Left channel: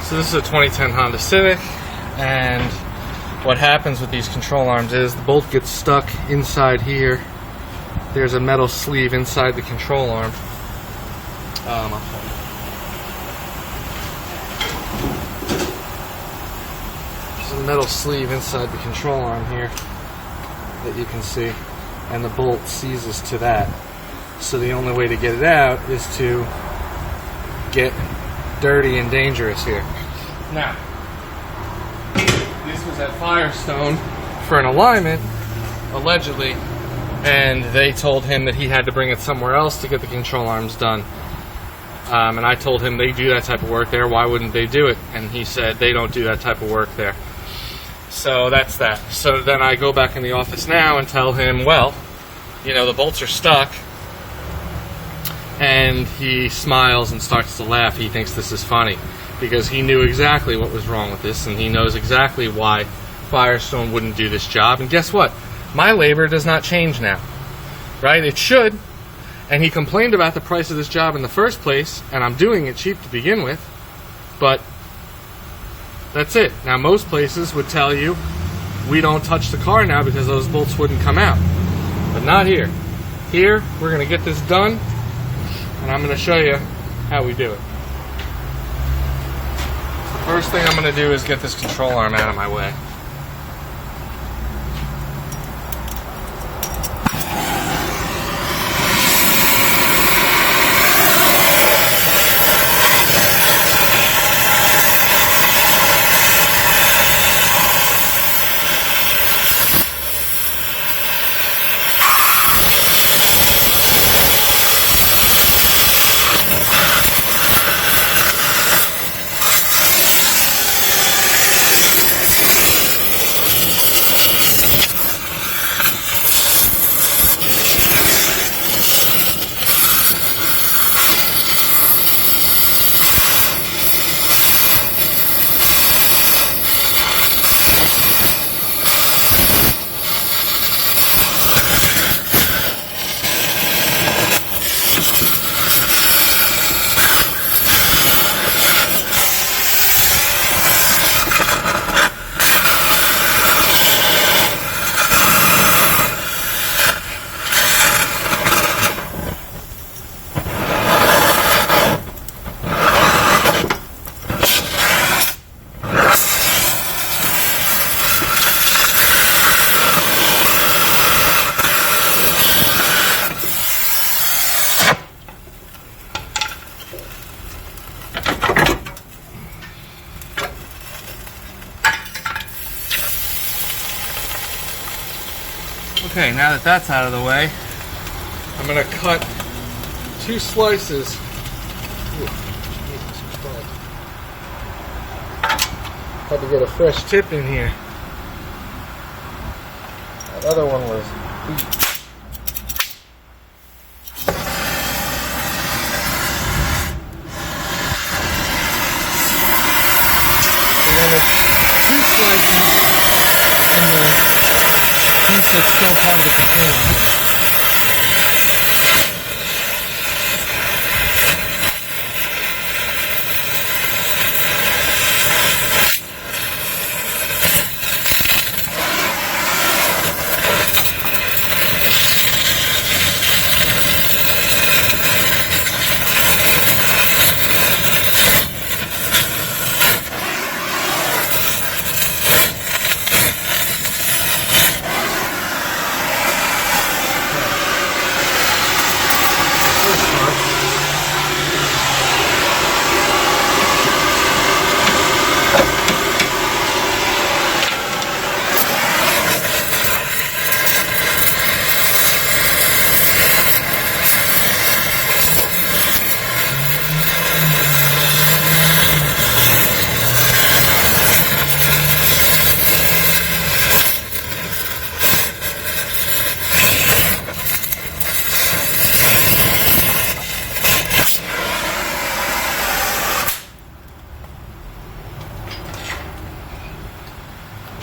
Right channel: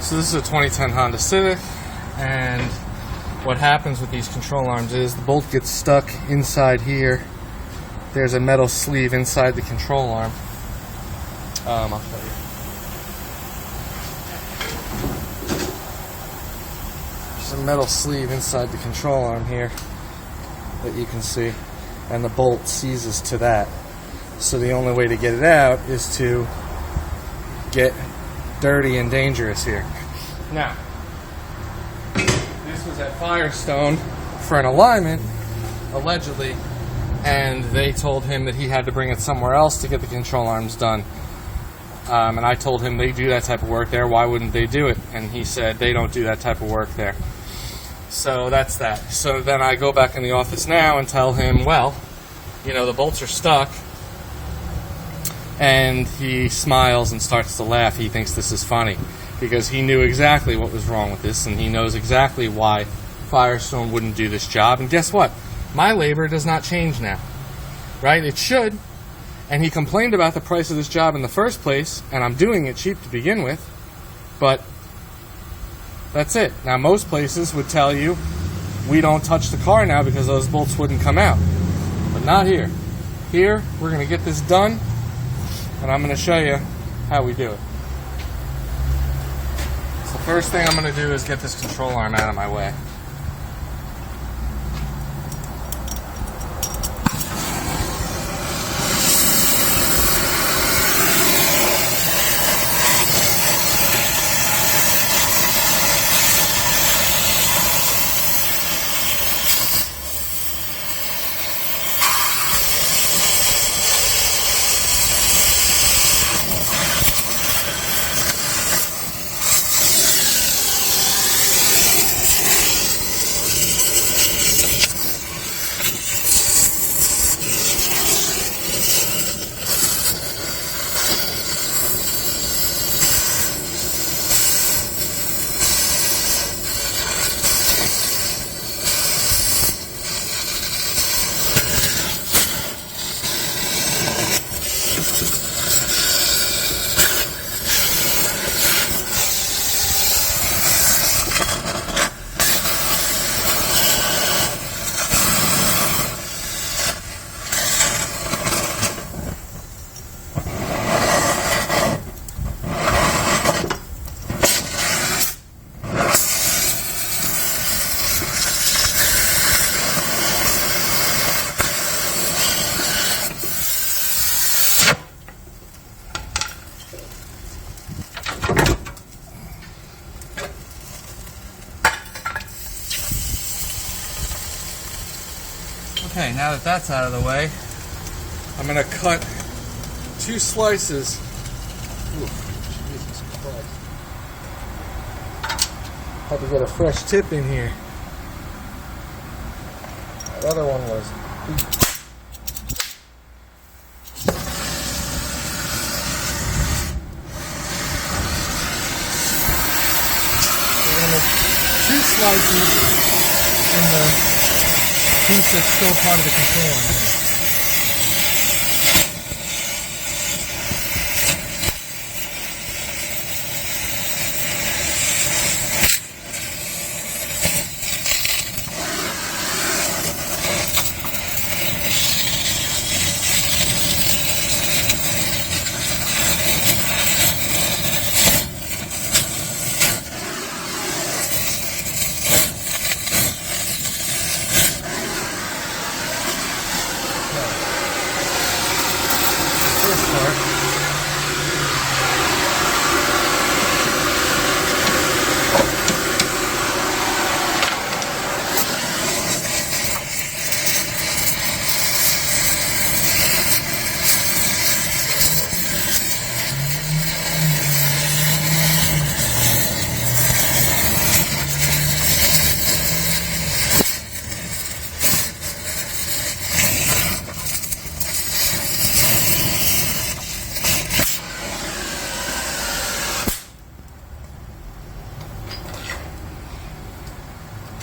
So this is a 2010 Honda Civic, and what happens with these control arms is the bolt gets stuck inside here. There's a metal sleeve inside the control arm. I'll show you. There's a metal sleeve inside the control arm here that you can see, and the bolt seizes to that. So the only way to get it out is to get dirty and dangerous here. Now, this was at Firestone for an alignment, allegedly, and they told him that he had to bring it somewhere else to get the control arms done. And I told him they do that type of work there, why wouldn't they do it? And he said they don't do that type of work there. So that's that. So then I go back in the office now and tell him, well, you know, the bolts are stuck. And he smiles and starts to laugh. He thinks this is funny because he knew exactly what was wrong with this, and he knows exactly why Firestone wouldn't do this job. And guess what? My labor does not change now, right? It should. And he complained about the price of this job in the first place, and I'm doing it cheap to begin with, but that's it. Now, most places would tell you we don't touch the car now because those bolts wouldn't come out, but not here. Here, we're going to get this done, and I'm going to show you how we do it. So the first thing I'm going to do is get this control arm out of my way. Okay, now that that's out of the way, I'm going to cut 2 slices. Ooh, Jesus Christ. Had to get a fresh tip in here. The other one was beat. So 2 slices in the piece that's still part of the container.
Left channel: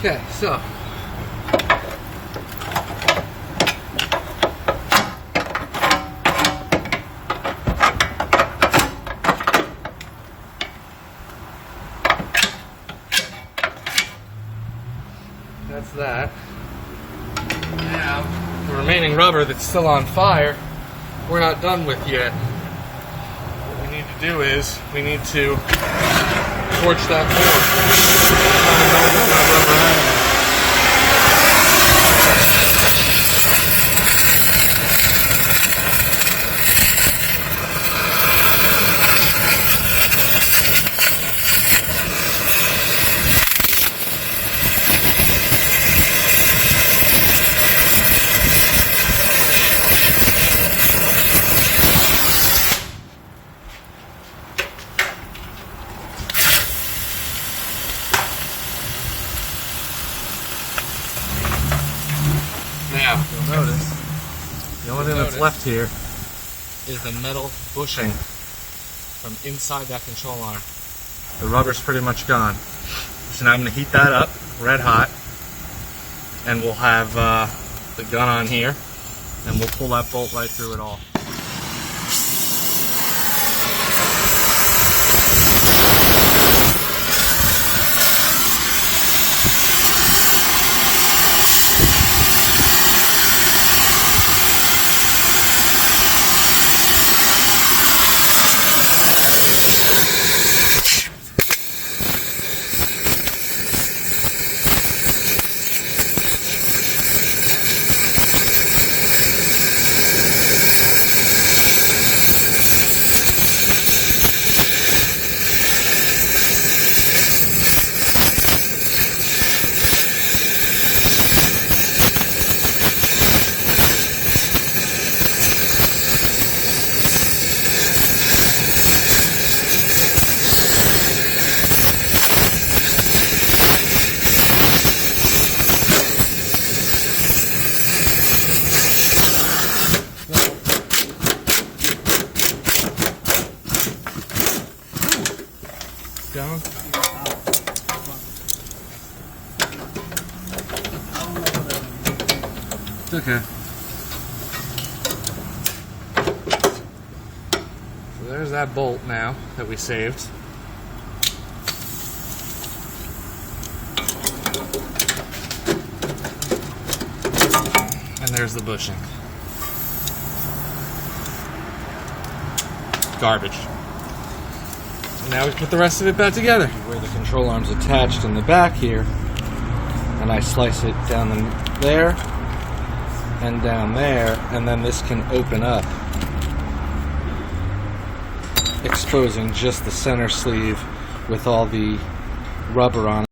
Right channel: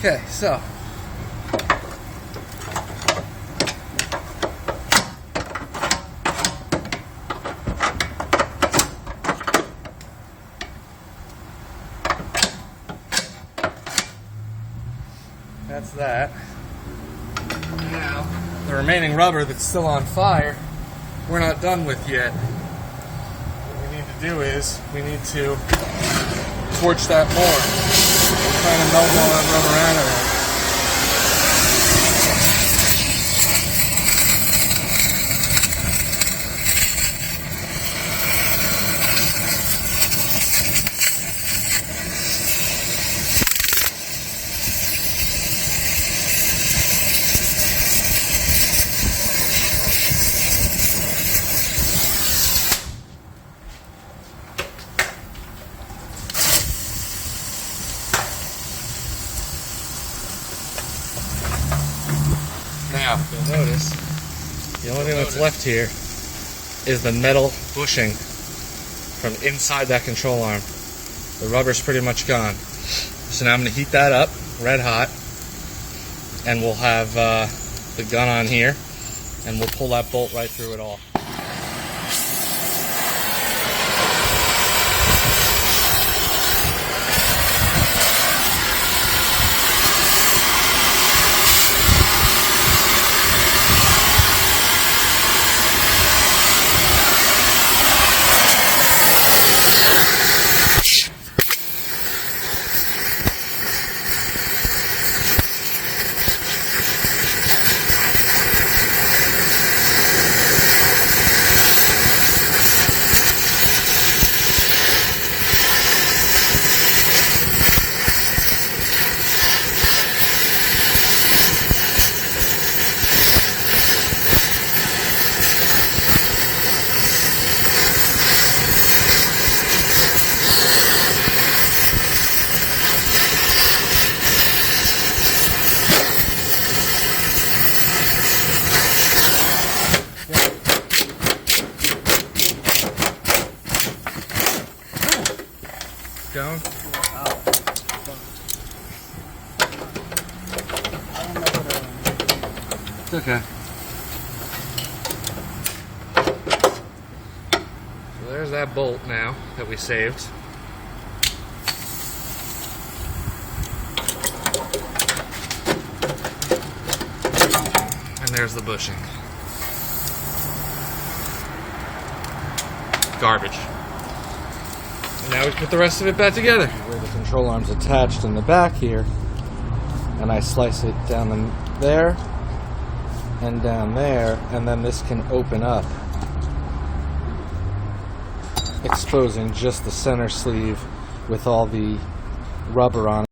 Okay, so that's that. Now, the remaining rubber that's still on fire, we're not done with yet. What we need to do is, we need to torch that bolt. Now, you'll notice, the only thing that's left here is the metal bushing from inside that control arm. The rubber's pretty much gone. So now I'm going to heat that up, red hot, and we'll have the gun on here, and we'll pull that bolt right through it all. Down. It's okay. So there's that bolt now that we saved. And there's the bushing. Garbage. Now we put the rest of it back together. Where the control arm's attached in the back here, and I slice it down there and down there, and then this can open up, exposing just the center sleeve with all the rubber on it.